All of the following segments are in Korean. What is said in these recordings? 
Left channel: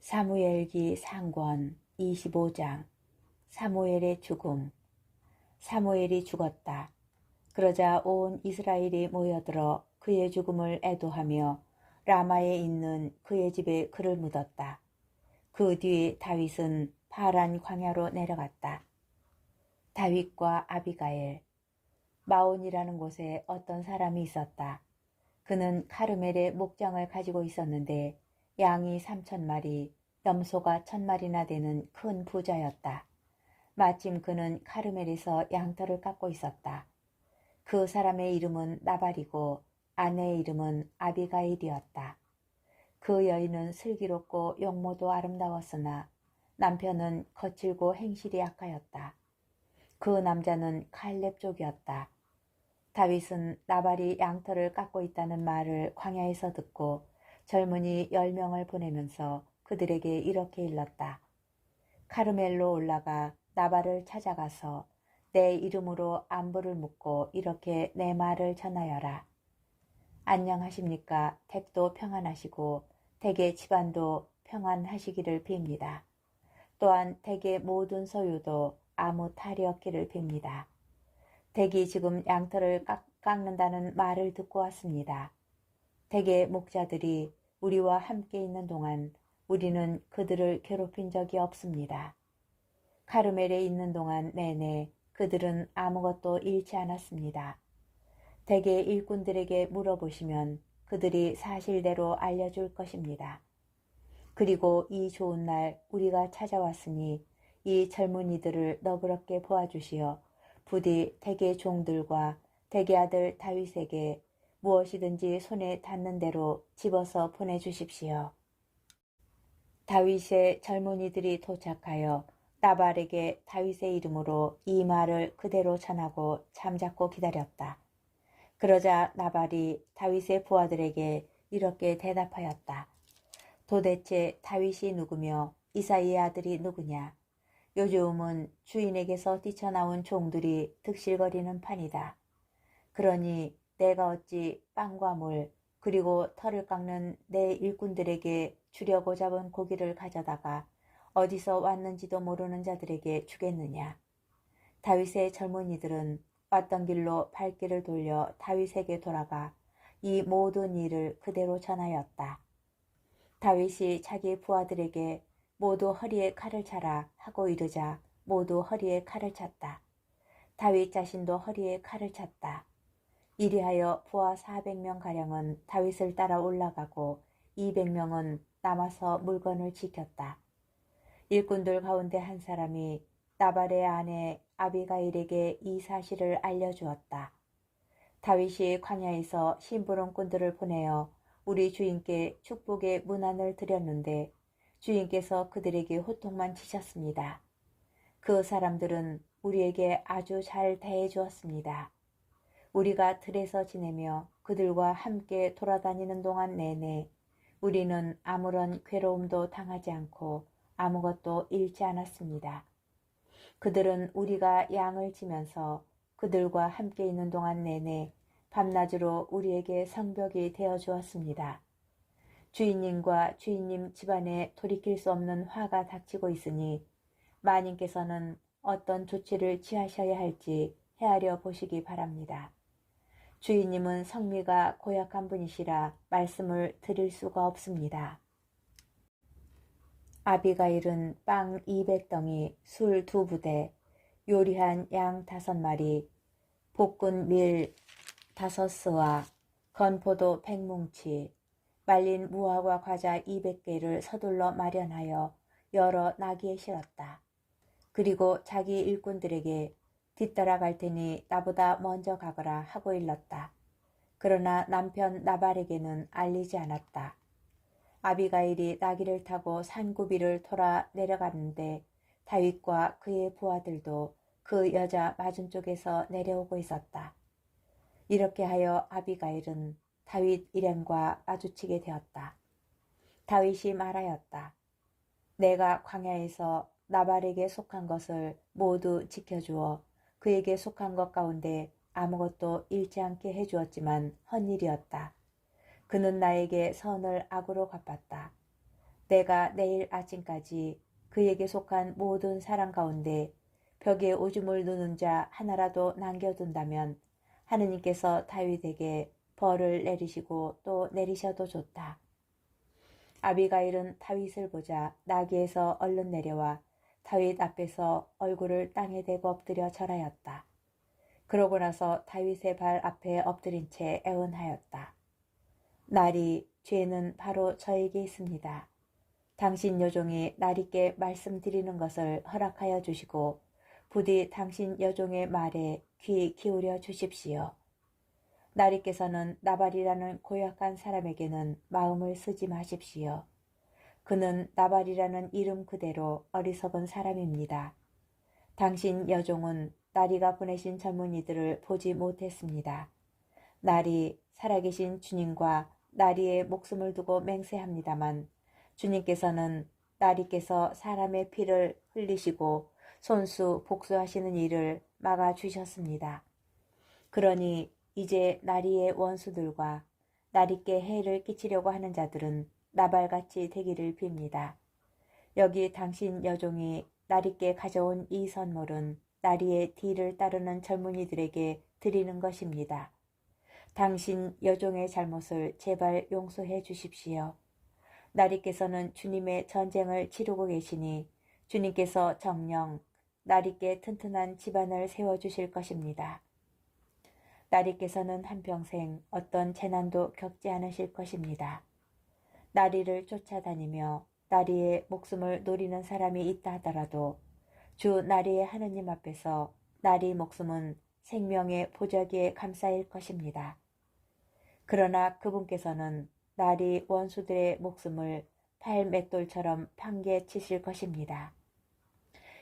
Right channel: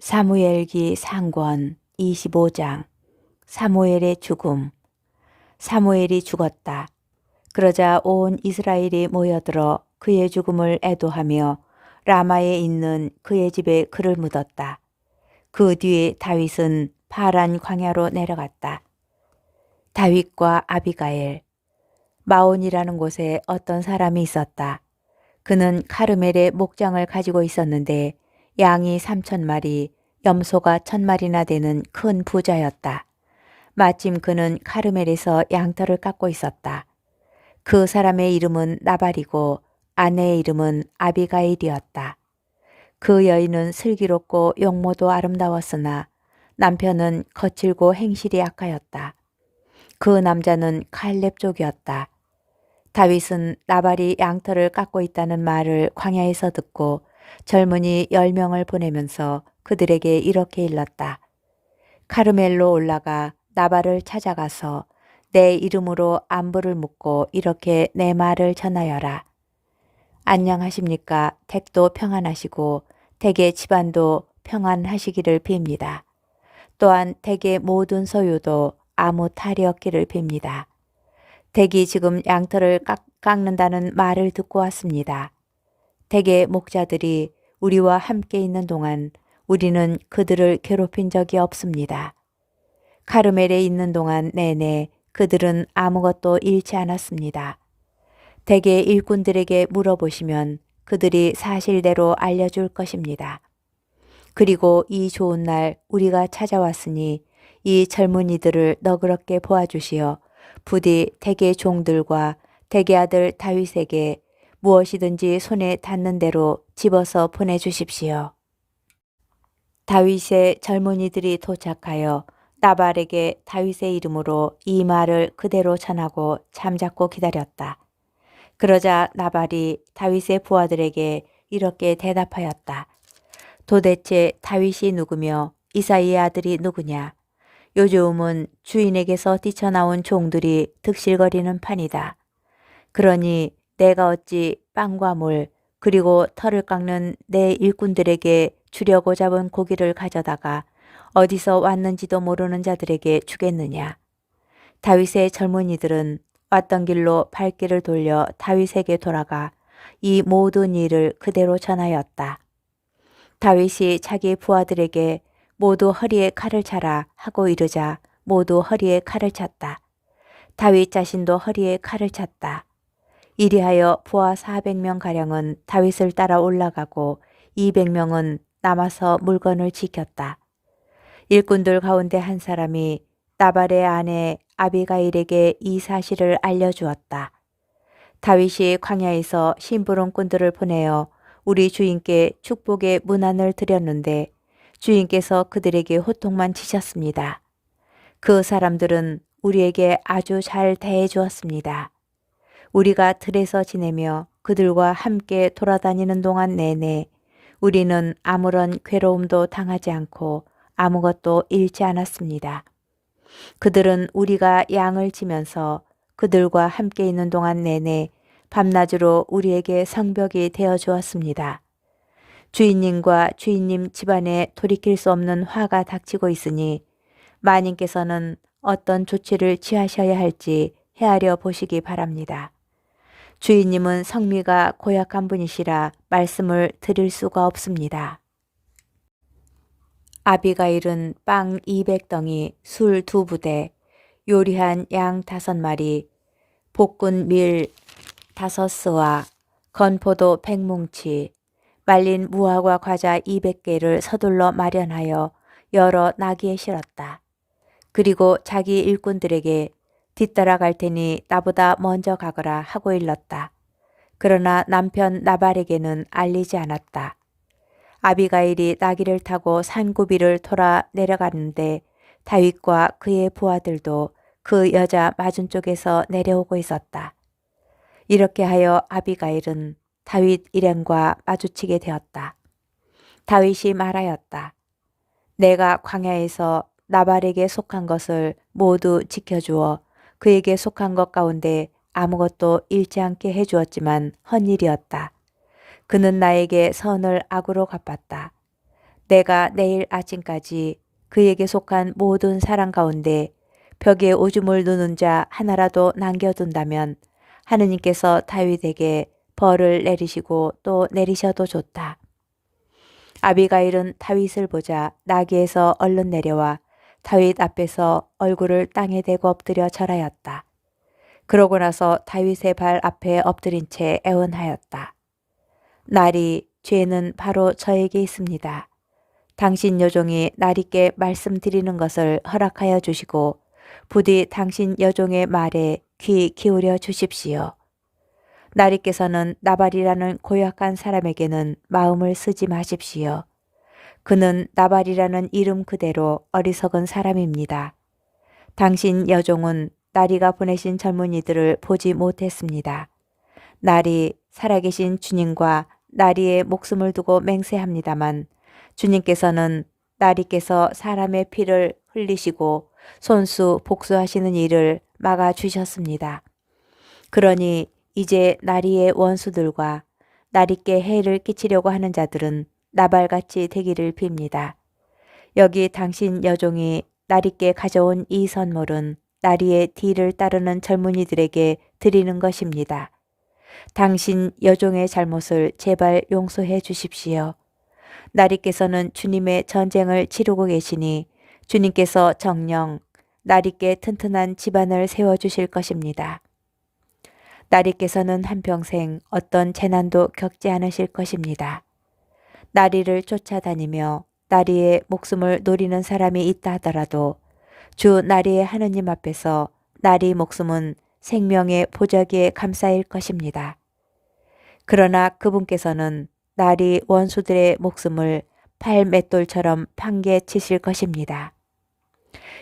사무엘기 상권 25장. 사무엘의 죽음. 사무엘이 죽었다. 그러자 온 이스라엘이 모여들어 그의 죽음을 애도하며 라마에 있는 그의 집에 그를 묻었다. 그 뒤에 다윗은 파란 광야로 내려갔다. 다윗과 아비가일. 마온이라는 곳에 어떤 사람이 있었다. 그는 카르멜의 목장을 가지고 있었는데 양이 3,000마리, 염소가 1,000마리나 되는 큰 부자였다. 마침 그는 카르멜에서 양털을 깎고 있었다. 그 사람의 이름은 나발이고 아내의 이름은 아비가일이었다. 그 여인은 슬기롭고 용모도 아름다웠으나 남편은 거칠고 행실이 악하였다. 그 남자는 칼렙 족이었다. 다윗은 나발이 양털을 깎고 있다는 말을 광야에서 듣고 젊은이 10명을 보내면서 그들에게 이렇게 일렀다. 카르멜로 올라가 나발을 찾아가서 내 이름으로 안부를 묻고 이렇게 내 말을 전하여라. 안녕하십니까? 댁도 평안하시고 댁의 집안도 평안하시기를 빕니다. 또한 댁의 모든 소유도 아무 탈이 없기를 빕니다. 댁이 지금 양털을 깎는다는 말을 듣고 왔습니다. 댁의 목자들이 우리와 함께 있는 동안 우리는 그들을 괴롭힌 적이 없습니다. 카르멜에 있는 동안 내내 그들은 아무것도 잃지 않았습니다. 댁의 일꾼들에게 물어보시면 그들이 사실대로 알려줄 것입니다. 그리고 이 좋은 날 우리가 찾아왔으니 이 젊은이들을 너그럽게 보아주시어 부디 댁의 종들과 댁의 아들 다윗에게 무엇이든지 손에 닿는 대로 집어서 보내주십시오. 다윗의 젊은이들이 도착하여 나발에게 다윗의 이름으로 이 말을 그대로 전하고 잠자코 기다렸다. 그러자 나발이 다윗의 부하들에게 이렇게 대답하였다. 도대체 다윗이 누구며 이사이의 아들이 누구냐? 요즘은 주인에게서 뛰쳐나온 종들이 득실거리는 판이다. 그러니 내가 어찌 빵과 물 그리고 털을 깎는 내 일꾼들에게 주려고 잡은 고기를 가져다가 어디서 왔는지도 모르는 자들에게 주겠느냐. 다윗의 젊은이들은 왔던 길로 발길을 돌려 다윗에게 돌아가 이 모든 일을 그대로 전하였다. 다윗이 자기 부하들에게 모두 허리에 칼을 차라 하고 이르자 모두 허리에 칼을 찼다. 다윗 자신도 허리에 칼을 찼다. 이리하여 부하 400명가량은 다윗을 따라 올라가고 200명은 남아서 물건을 지켰다. 일꾼들 가운데 한 사람이 나발의 아내 아비가일에게 이 사실을 알려주었다. 다윗이 광야에서 심부름꾼들을 보내어 우리 주인께 축복의 문안을 드렸는데 주인께서 그들에게 호통만 치셨습니다. 그 사람들은 우리에게 아주 잘 대해 주었습니다. 우리가 들에서 지내며 그들과 함께 돌아다니는 동안 내내 우리는 아무런 괴로움도 당하지 않고 아무것도 잃지 않았습니다. 그들은 우리가 양을 치면서 그들과 함께 있는 동안 내내 밤낮으로 우리에게 성벽이 되어 주었습니다. 주인님과 주인님 집안에 돌이킬 수 없는 화가 닥치고 있으니 마님께서는 어떤 조치를 취하셔야 할지 헤아려 보시기 바랍니다. 주인님은 성미가 고약한 분이시라 말씀을 드릴 수가 없습니다. 아비가일은 빵 200덩이, 술 2부대, 요리한 양 5마리, 볶은 밀 5스와 건포도 100뭉치, 말린 무화과 과자 200개를 서둘러 마련하여 여러 나귀에 실었다. 그리고 자기 일꾼들에게 뒤따라 갈 테니 나보다 먼저 가거라 하고 일렀다. 그러나 남편 나발에게는 알리지 않았다. 아비가일이 나귀를 타고 산고비를 돌아 내려가는데 다윗과 그의 부하들도 그 여자 맞은 쪽에서 내려오고 있었다. 이렇게 하여 아비가일은 다윗 일행과 마주치게 되었다. 다윗이 말하였다. 내가 광야에서 나발에게 속한 것을 모두 지켜주어 그에게 속한 것 가운데 아무것도 잃지 않게 해주었지만 헛일이었다. 그는 나에게 선을 악으로 갚았다. 내가 내일 아침까지 그에게 속한 모든 사람 가운데 벽에 오줌을 누는 자 하나라도 남겨둔다면 하느님께서 다윗에게 벌을 내리시고 또 내리셔도 좋다. 아비가일은 다윗을 보자 나귀에서 얼른 내려와 다윗 앞에서 얼굴을 땅에 대고 엎드려 절하였다. 그러고 나서 다윗의 발 앞에 엎드린 채 애원하였다. 나리, 죄는 바로 저에게 있습니다. 당신 여종이 나리께 말씀드리는 것을 허락하여 주시고 부디 당신 여종의 말에 귀 기울여 주십시오. 나리께서는 나발이라는 고약한 사람에게는 마음을 쓰지 마십시오. 그는 나발이라는 이름 그대로 어리석은 사람입니다. 당신 여종은 나리가 보내신 젊은이들을 보지 못했습니다. 나리, 살아계신 주님과 나리의 목숨을 두고 맹세합니다만 주님께서는 나리께서 사람의 피를 흘리시고 손수 복수하시는 일을 막아주셨습니다. 그러니 이제 나리의 원수들과 나리께 해를 끼치려고 하는 자들은 나발같이 되기를 빕니다. 여기 당신 여종이 나리께 가져온 이 선물은 나리의 뒤를 따르는 젊은이들에게 드리는 것입니다. 당신 여종의 잘못을 제발 용서해 주십시오. 나리께서는 주님의 전쟁을 치르고 계시니 주님께서 정녕 나리께 튼튼한 집안을 세워주실 것입니다. 나리께서는 한평생 어떤 재난도 겪지 않으실 것입니다. 나리를 쫓아다니며 나리의 목숨을 노리는 사람이 있다 하더라도 주 나리의 하느님 앞에서 나리 목숨은 생명의 보자기에 감싸일 것입니다. 그러나 그분께서는 나리 원수들의 목숨을 팔맷돌처럼 판게 치실 것입니다.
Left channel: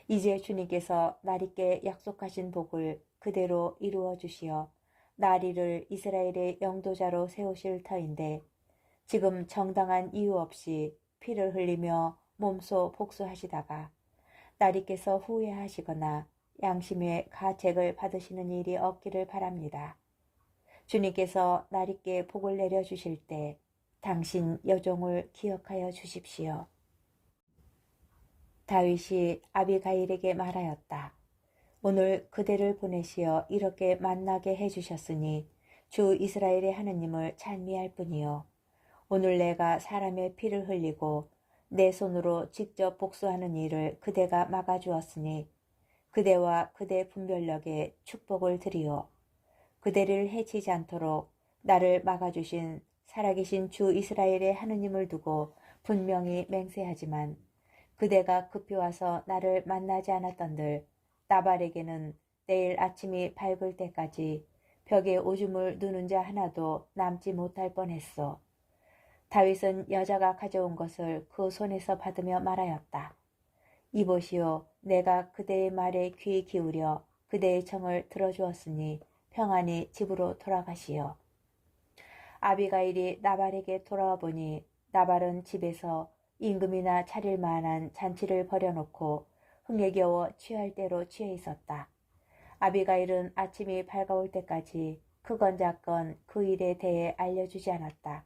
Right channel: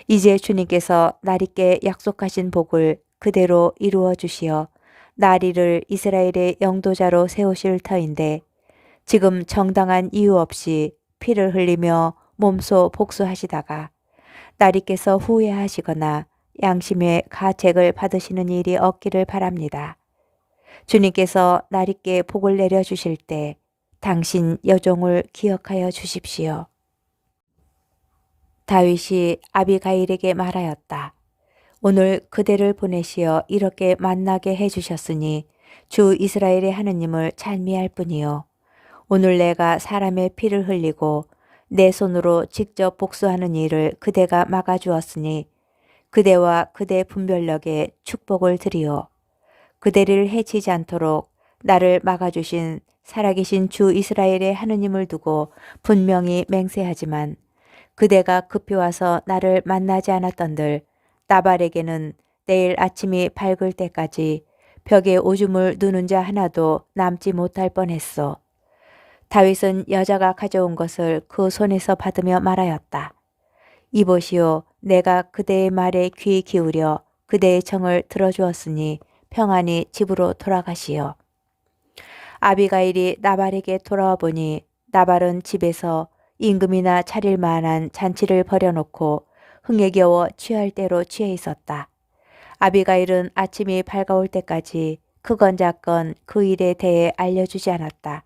이제 주님께서 나리께 약속하신 복을 그대로 이루어 주시어 나리를 이스라엘의 영도자로 세우실 터인데 지금 정당한 이유 없이 피를 흘리며 몸소 복수하시다가 나리께서 후회하시거나 양심의 가책을 받으시는 일이 없기를 바랍니다. 주님께서 나리께 복을 내려주실 때 당신 여종을 기억하여 주십시오. 다윗이 아비가일에게 말하였다. 오늘 그대를 보내시어 이렇게 만나게 해주셨으니 주 이스라엘의 하느님을 찬미할 뿐이요. 오늘 내가 사람의 피를 흘리고 내 손으로 직접 복수하는 일을 그대가 막아주었으니 그대와 그대 분별력에 축복을 드리오. 그대를 해치지 않도록 나를 막아주신 살아계신 주 이스라엘의 하느님을 두고 분명히 맹세하지만 그대가 급히 와서 나를 만나지 않았던들 나발에게는 내일 아침이 밝을 때까지 벽에 오줌을 누는 자 하나도 남지 못할 뻔했소. 다윗은 여자가 가져온 것을 그 손에서 받으며 말하였다. 이보시오, 내가 그대의 말에 귀 기울여 그대의 청을 들어주었으니 평안히 집으로 돌아가시오. 아비가일이 나발에게 돌아와 보니 나발은 집에서 임금이나 차릴 만한 잔치를 벌여놓고 흥에 겨워 취할 대로 취해 있었다. 아비가일은 아침이 밝아올 때까지 크건 작건 그 일에 대해 알려주지 않았다.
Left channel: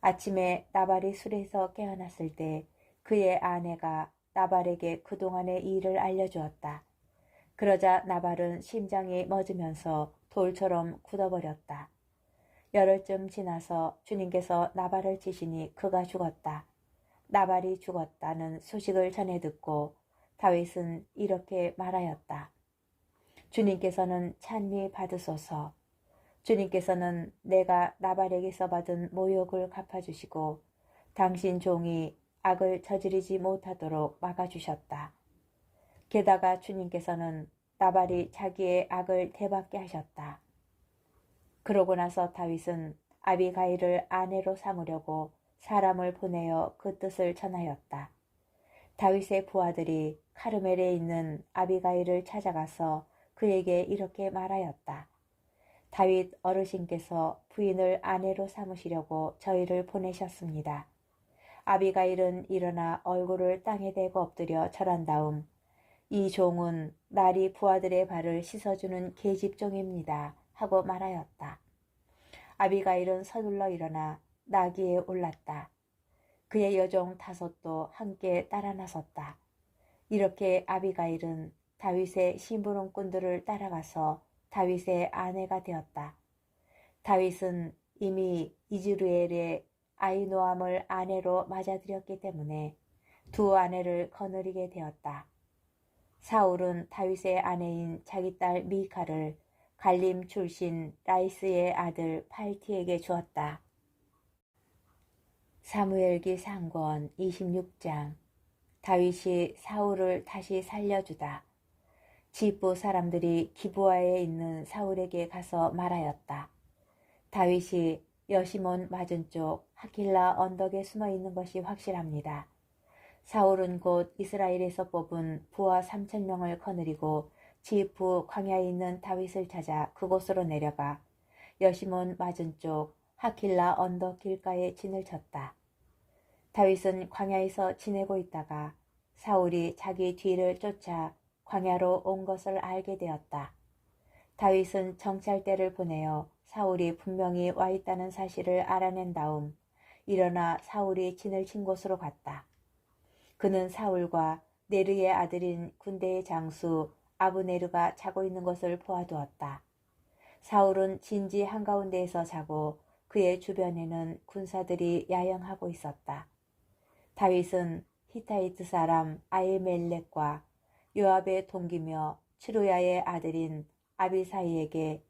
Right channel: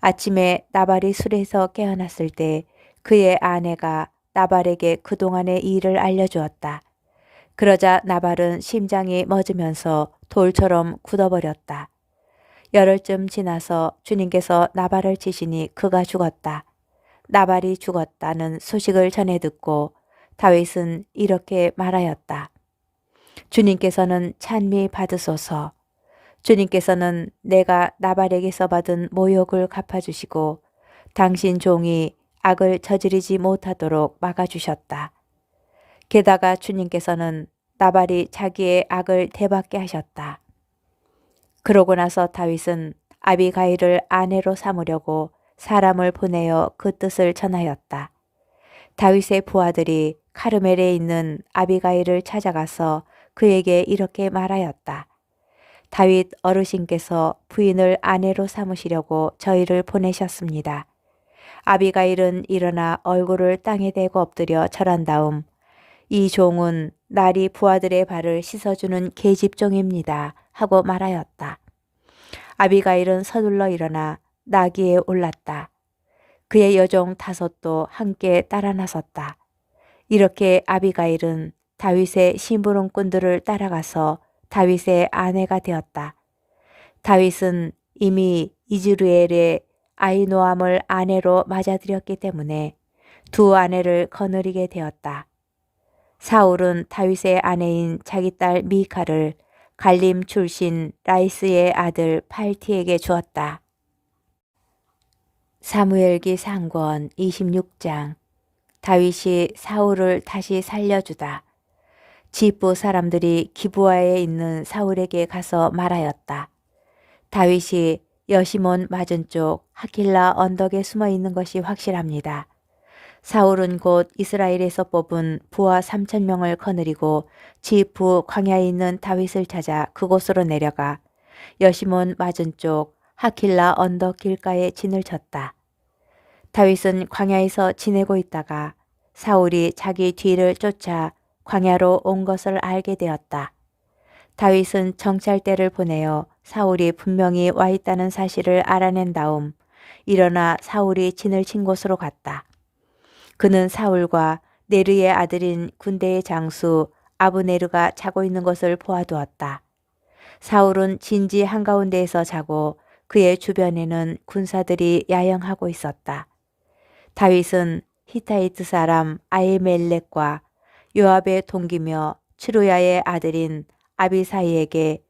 아침에 나발이 술에서 깨어났을 때 그의 아내가 나발에게 그동안의 일을 알려주었다. 그러자 나발은 심장이 멎으면서 돌처럼 굳어버렸다. 열흘쯤 지나서 주님께서 나발을 치시니 그가 죽었다. 나발이 죽었다는 소식을 전해 듣고 다윗은 이렇게 말하였다. 주님께서는 찬미 받으소서. 주님께서는 내가 나발에게서 받은 모욕을 갚아주시고 당신 종이 악을 저지르지 못하도록 막아주셨다. 게다가 주님께서는 나발이 자기의 악을 되받게 하셨다. 그러고 나서 다윗은 아비가일을 아내로 삼으려고 사람을 보내어 그 뜻을 전하였다. 다윗의 부하들이 카르멜에 있는 아비가일을 찾아가서 그에게 이렇게 말하였다. 다윗 어르신께서 부인을 아내로 삼으시려고 저희를 보내셨습니다. 아비가일은 일어나 얼굴을 땅에 대고 엎드려 절한 다음 이 종은 나리 부하들의 발을 씻어주는 계집종입니다 하고 말하였다. 아비가일은 서둘러 일어나 나귀에 올랐다. 그의 여종 다섯도 함께 따라 나섰다. 이렇게 아비가일은 다윗의 심부름꾼들을 따라가서 다윗의 아내가 되었다. 다윗은 이미 이즈르엘의 아히노암을 아내로 맞아들였기 때문에 두 아내를 거느리게 되었다. 사울은 다윗의 아내인 자기 딸 미칼을 갈림 출신 라이스의 아들 팔티에게 주었다. 사무엘기 상권 26장. 다윗이 사울을 다시 살려주다. 지프 사람들이 기브아에 있는 사울에게 가서 말하였다. 다윗이 여시몬 맞은쪽 하킬라 언덕에 숨어 있는 것이 확실합니다. 사울은 곧 이스라엘에서 뽑은 부하 3,000명을 거느리고 지프 광야에 있는 다윗을 찾아 그곳으로 내려가 여시몬 맞은쪽 하킬라 언덕 길가에 진을 쳤다. 다윗은 광야에서 지내고 있다가 사울이 자기 뒤를 쫓아 광야로 온 것을 알게 되었다. 다윗은 정찰대를 보내어 사울이 분명히 와 있다는 사실을 알아낸 다음 일어나 사울이 진을 친 곳으로 갔다. 그는 사울과 네르의 아들인 군대의 장수 아브네르가 자고 있는 것을 보아두었다. 사울은 진지 한가운데에서 자고 그의 주변에는 군사들이 야영하고 있었다. 다윗은 히타이트 사람 아히멜렉과 요압의 동기며 츠루야의 아들인 아비사이에게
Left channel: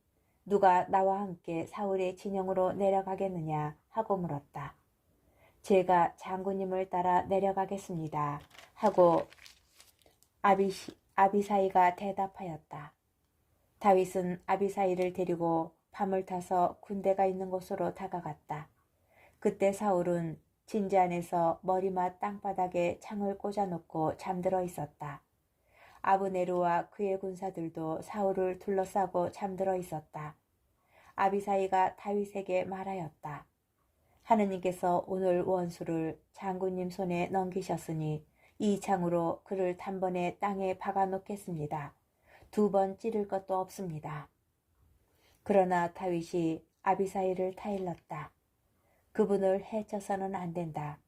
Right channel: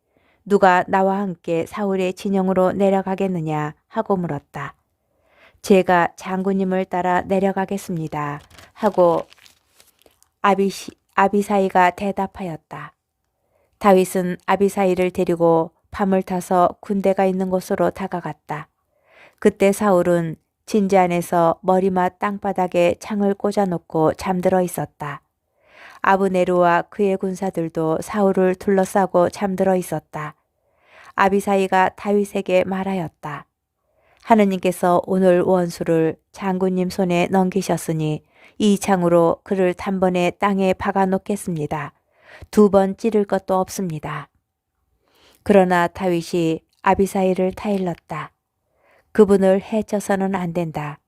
누가 나와 함께 사울의 진영으로 내려가겠느냐 하고 물었다. 제가 장군님을 따라 내려가겠습니다 하고 아비사이가 대답하였다. 다윗은 아비사이를 데리고 밤을 타서 군대가 있는 곳으로 다가갔다. 그때 사울은 진지 안에서 머리맡 땅바닥에 창을 꽂아놓고 잠들어 있었다. 아브네르와 그의 군사들도 사울을 둘러싸고 잠들어 있었다. 아비사이가 다윗에게 말하였다. 하느님께서 오늘 원수를 장군님 손에 넘기셨으니 이 창으로 그를 단번에 땅에 박아 놓겠습니다. 2번 찌를 것도 없습니다. 그러나 다윗이 아비사이를 타일렀다. 그분을 해쳐서는 안 된다.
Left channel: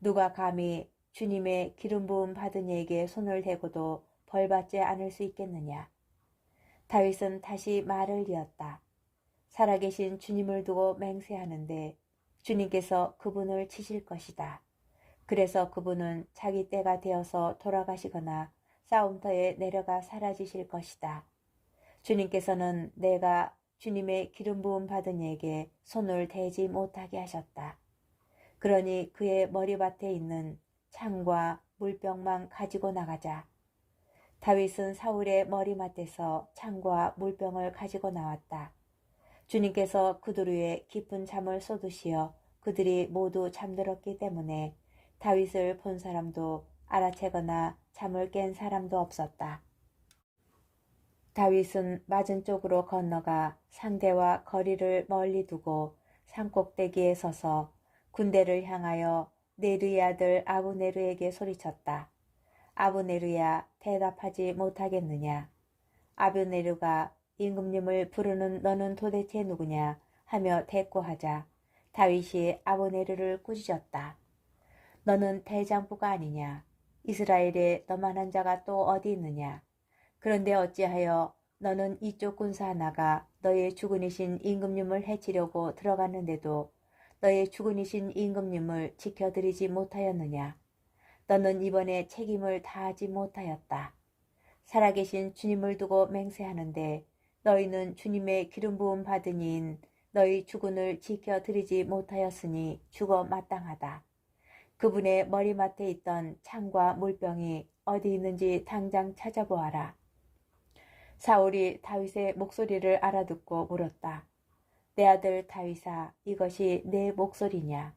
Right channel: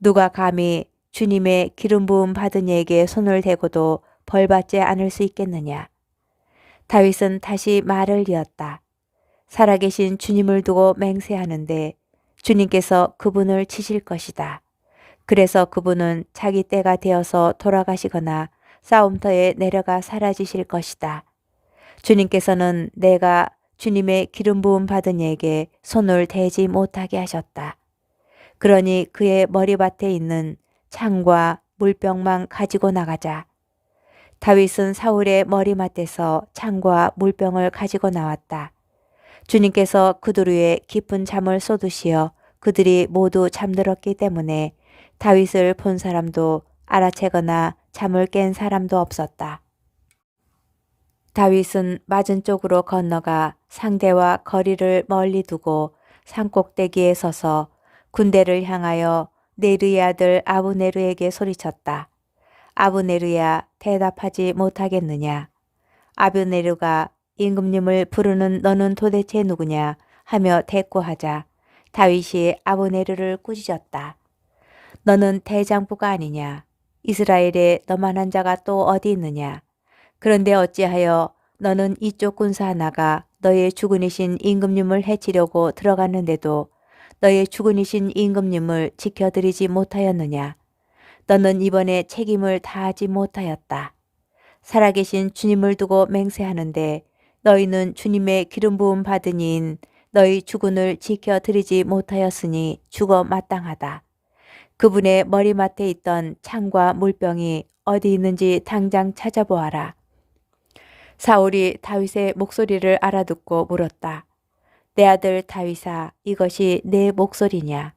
누가 감히 주님의 기름 부음 받은 이에게 손을 대고도 벌받지 않을 수 있겠느냐. 다윗은 다시 말을 이었다. 살아계신 주님을 두고 맹세하는데 주님께서 그분을 치실 것이다. 그래서 그분은 자기 때가 되어서 돌아가시거나 싸움터에 내려가 사라지실 것이다. 주님께서는 내가 주님의 기름 부음 받은 이에게 손을 대지 못하게 하셨다. 그러니 그의 머리밭에 있는 창과 물병만 가지고 나가자. 다윗은 사울의 머리맡에서 창과 물병을 가지고 나왔다. 주님께서 그들 위에 깊은 잠을 쏟으시어 그들이 모두 잠들었기 때문에 다윗을 본 사람도 알아채거나 잠을 깬 사람도 없었다. 다윗은 맞은쪽으로 건너가 상대와 거리를 멀리 두고 산꼭대기에 서서 군대를 향하여 네르의 아들 아브네르에게 소리쳤다. 아브네르야, 대답하지 못하겠느냐. 아브네르가 임금님을 부르는 너는 도대체 누구냐 하며 대꾸하자 다윗이 아브네르를 꾸짖었다. 너는 대장부가 아니냐. 이스라엘에 너만한 자가 또 어디 있느냐. 그런데 어찌하여 너는 이쪽 군사 하나가 너의 주군이신 임금님을 해치려고 들어갔는데도 너의 주군이신 임금님을 지켜드리지 못하였느냐. 너는 이번에 책임을 다하지 못하였다. 살아계신 주님을 두고 맹세하는데 너희는 주님의 기름 부음 받은 이인 너희 주군을 지켜드리지 못하였으니 죽어 마땅하다. 그분의 머리맡에 있던 창과 물병이 어디 있는지 당장 찾아보아라. 사울이 다윗의 목소리를 알아듣고 물었다. 내 아들 다윗아, 이것이 내 목소리냐?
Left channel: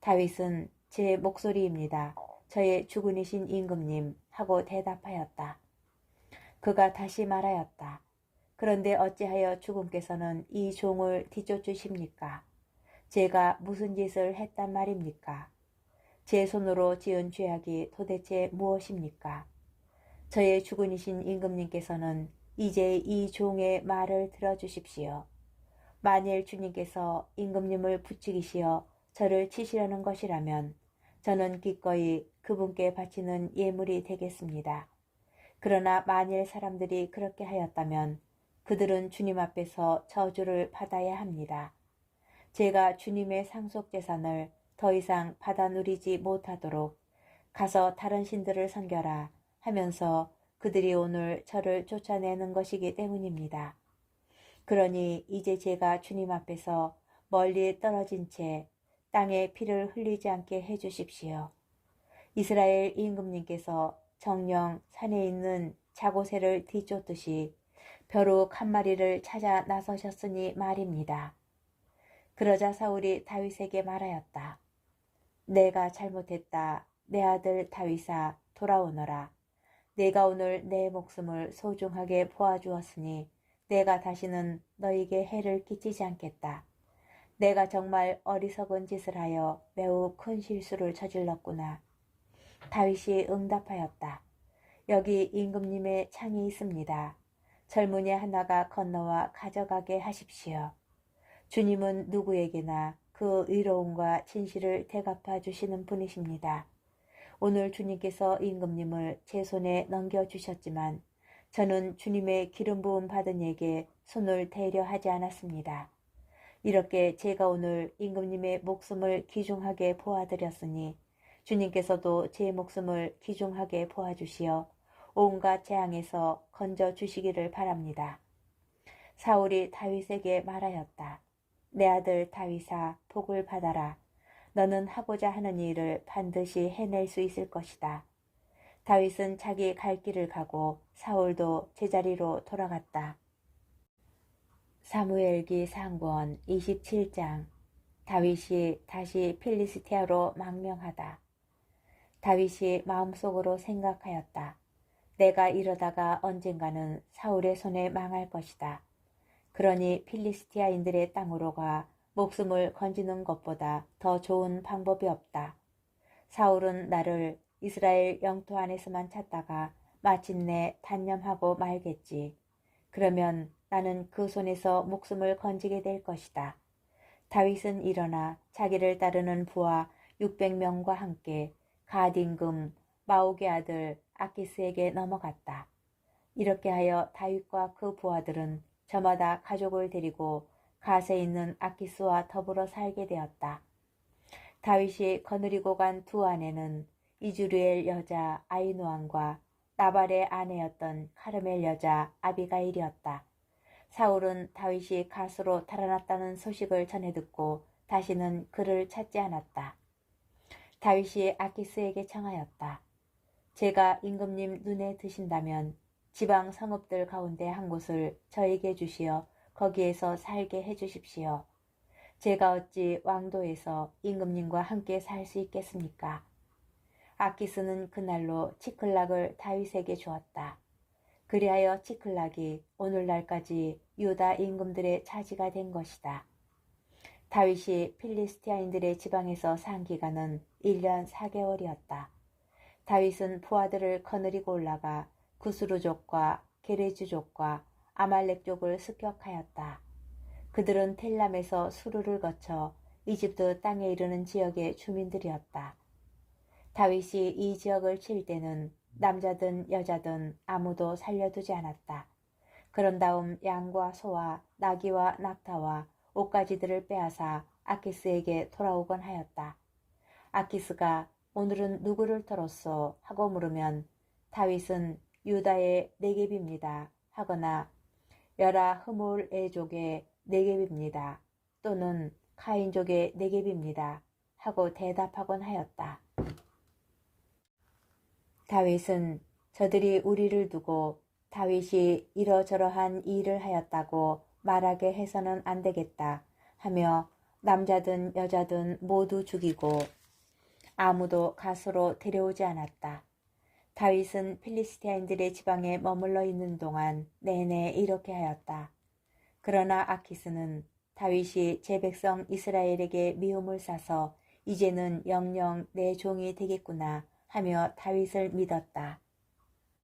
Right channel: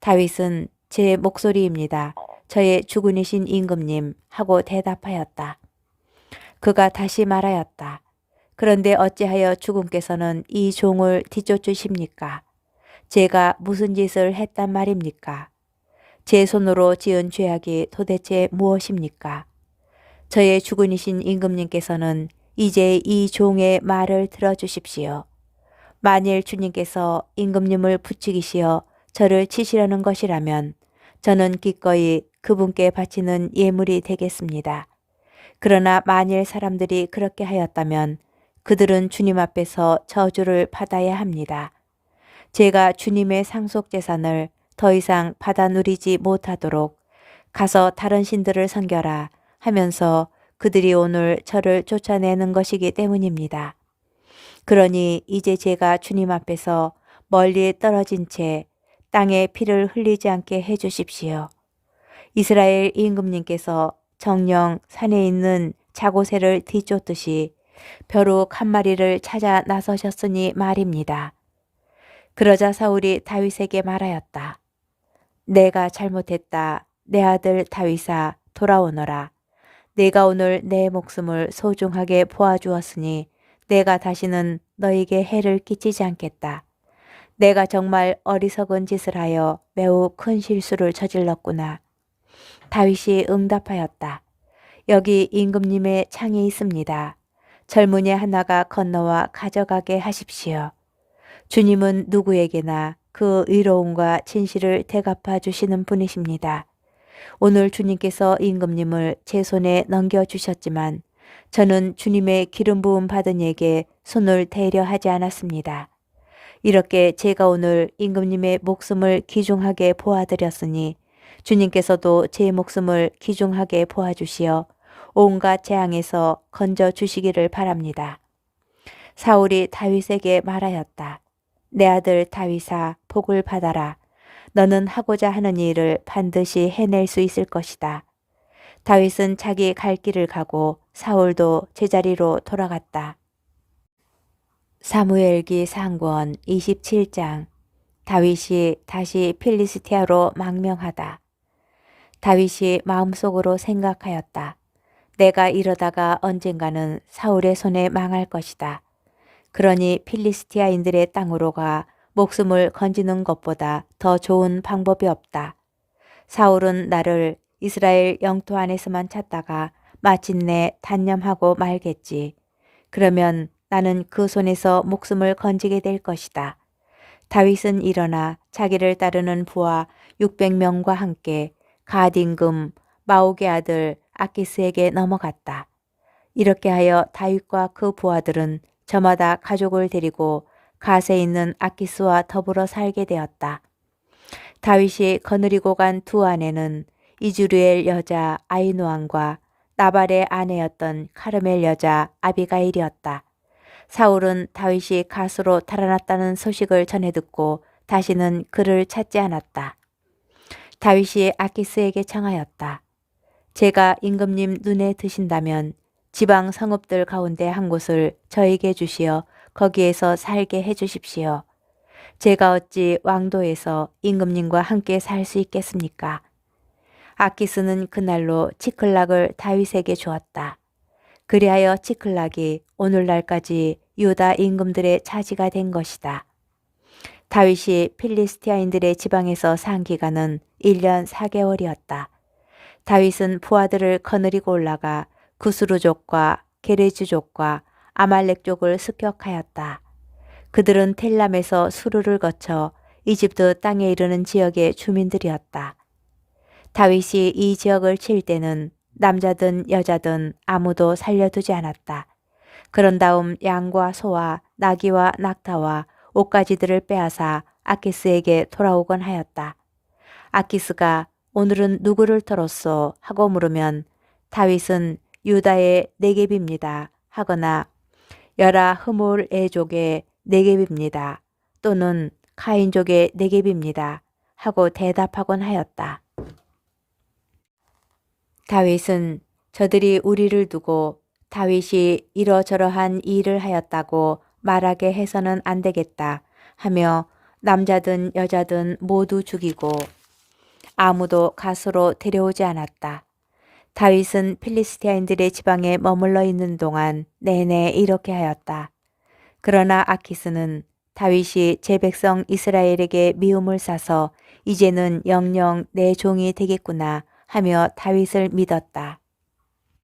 다윗은 제 목소리입니다. 저의 주군이신 임금님 하고 대답하였다. 그가 다시 말하였다. 그런데 어찌하여 주군께서는 이 종을 뒤쫓으십니까? 제가 무슨 짓을 했단 말입니까? 제 손으로 지은 죄악이 도대체 무엇입니까? 저의 주군이신 임금님께서는 이제 이 종의 말을 들어주십시오. 만일 주님께서 임금님을 부추기시어 저를 치시려는 것이라면 저는 기꺼이 그분께 바치는 예물이 되겠습니다. 그러나 만일 사람들이 그렇게 하였다면 그들은 주님 앞에서 저주를 받아야 합니다. 제가 주님의 상속 재산을 더 이상 받아 누리지 못하도록 가서 다른 신들을 섬겨라 하면서 그들이 오늘 저를 쫓아내는 것이기 때문입니다. 그러니 이제 제가 주님 앞에서 멀리 떨어진 채 땅에 피를 흘리지 않게 해 주십시오. 이스라엘 임금님께서 정령 산에 있는 자고새를 뒤쫓듯이 벼룩 한 마리를 찾아 나서셨으니 말입니다. 그러자 사울이 다윗에게 말하였다. 내가 잘못했다. 내 아들 다윗아 돌아오너라. 내가 오늘 내 목숨을 소중하게 보아주었으니 내가 다시는 너에게 해를 끼치지 않겠다. 내가 정말 어리석은 짓을 하여 매우 큰 실수를 저질렀구나. 다윗이 응답하였다. 여기 임금님의 창이 있습니다. 젊은이 하나가 건너와 가져가게 하십시오. 주님은 누구에게나 그 의로움과 진실을 대갚아 주시는 분이십니다. 오늘 주님께서 임금님을 제 손에 넘겨주셨지만 저는 주님의 기름 부음 받은 이에게 손을 대려 하지 않았습니다. 이렇게 제가 오늘 임금님의 목숨을 귀중하게 보아드렸으니 주님께서도 제 목숨을 귀중하게 보아주시어 온갖 재앙에서 건져주시기를 바랍니다. 사울이 다윗에게 말하였다. 내 아들 다윗아 복을 받아라. 너는 하고자 하는 일을 반드시 해낼 수 있을 것이다. 다윗은 자기 갈 길을 가고 사울도 제자리로 돌아갔다. 사무엘기 상권 27장. 다윗이 다시 필리스티아로 망명하다. 다윗이 마음속으로 생각하였다. 내가 이러다가 언젠가는 사울의 손에 망할 것이다. 그러니 필리스티아인들의 땅으로 가 목숨을 건지는 것보다 더 좋은 방법이 없다. 사울은 나를 이스라엘 영토 안에서만 찾다가 마침내 단념하고 말겠지. 그러면 나는 그 손에서 목숨을 건지게 될 것이다. 다윗은 일어나 자기를 따르는 부하 600명과 함께 갓 임금 마옥의 아들 아키스에게 넘어갔다. 이렇게 하여 다윗과 그 부하들은 저마다 가족을 데리고 갓에 있는 아키스와 더불어 살게 되었다. 다윗이 거느리고 간 두 아내는 이즈루엘 여자 아히노암과 나발의 아내였던 카르멜 여자 아비가일이었다. 사울은 다윗이 갓으로 달아났다는 소식을 전해 듣고 다시는 그를 찾지 않았다. 다윗이 아키스에게 청하였다. 제가 임금님 눈에 드신다면 지방 성읍들 가운데 한 곳을 저에게 주시어 거기에서 살게 해 주십시오. 제가 어찌 왕도에서 임금님과 함께 살 수 있겠습니까? 아키스는 그날로 치클락을 다윗에게 주었다. 그리하여 치클락이 오늘날까지 유다 임금들의 차지가 된 것이다. 다윗이 필리스티아인들의 지방에서 산 기간은 1년 4개월이었다. 다윗은 부하들을 거느리고 올라가 구스루족과 게레즈족과 아말렉족을 습격하였다. 그들은 텔람에서 수르를 거쳐 이집트 땅에 이르는 지역의 주민들이었다. 다윗이 이 지역을 칠 때는 남자든 여자든 아무도 살려두지 않았다. 그런 다음 양과 소와 나귀와 낙타와 옷가지들을 빼앗아 아키스에게 돌아오곤 하였다. 아키스가 오늘은 누구를 털었소 하고 물으면 다윗은 유다의 네겝입니다 하거나 여라 흐몰 애족의 네겝입니다 또는 카인족의 네겝입니다 하고 대답하곤 하였다. 다윗은 저들이 우리를 두고 다윗이 이러저러한 일을 하였다고 말하게 해서는 안 되겠다 하며 남자든 여자든 모두 죽이고 아무도 갓으로 데려오지 않았다. 다윗은 필리스티아인들의 지방에 머물러 있는 동안 내내 이렇게 하였다. 그러나 아키스는 다윗이 제 백성 이스라엘에게 미움을 사서 이제는 영영 내 종이 되겠구나 하며 다윗을 믿었다.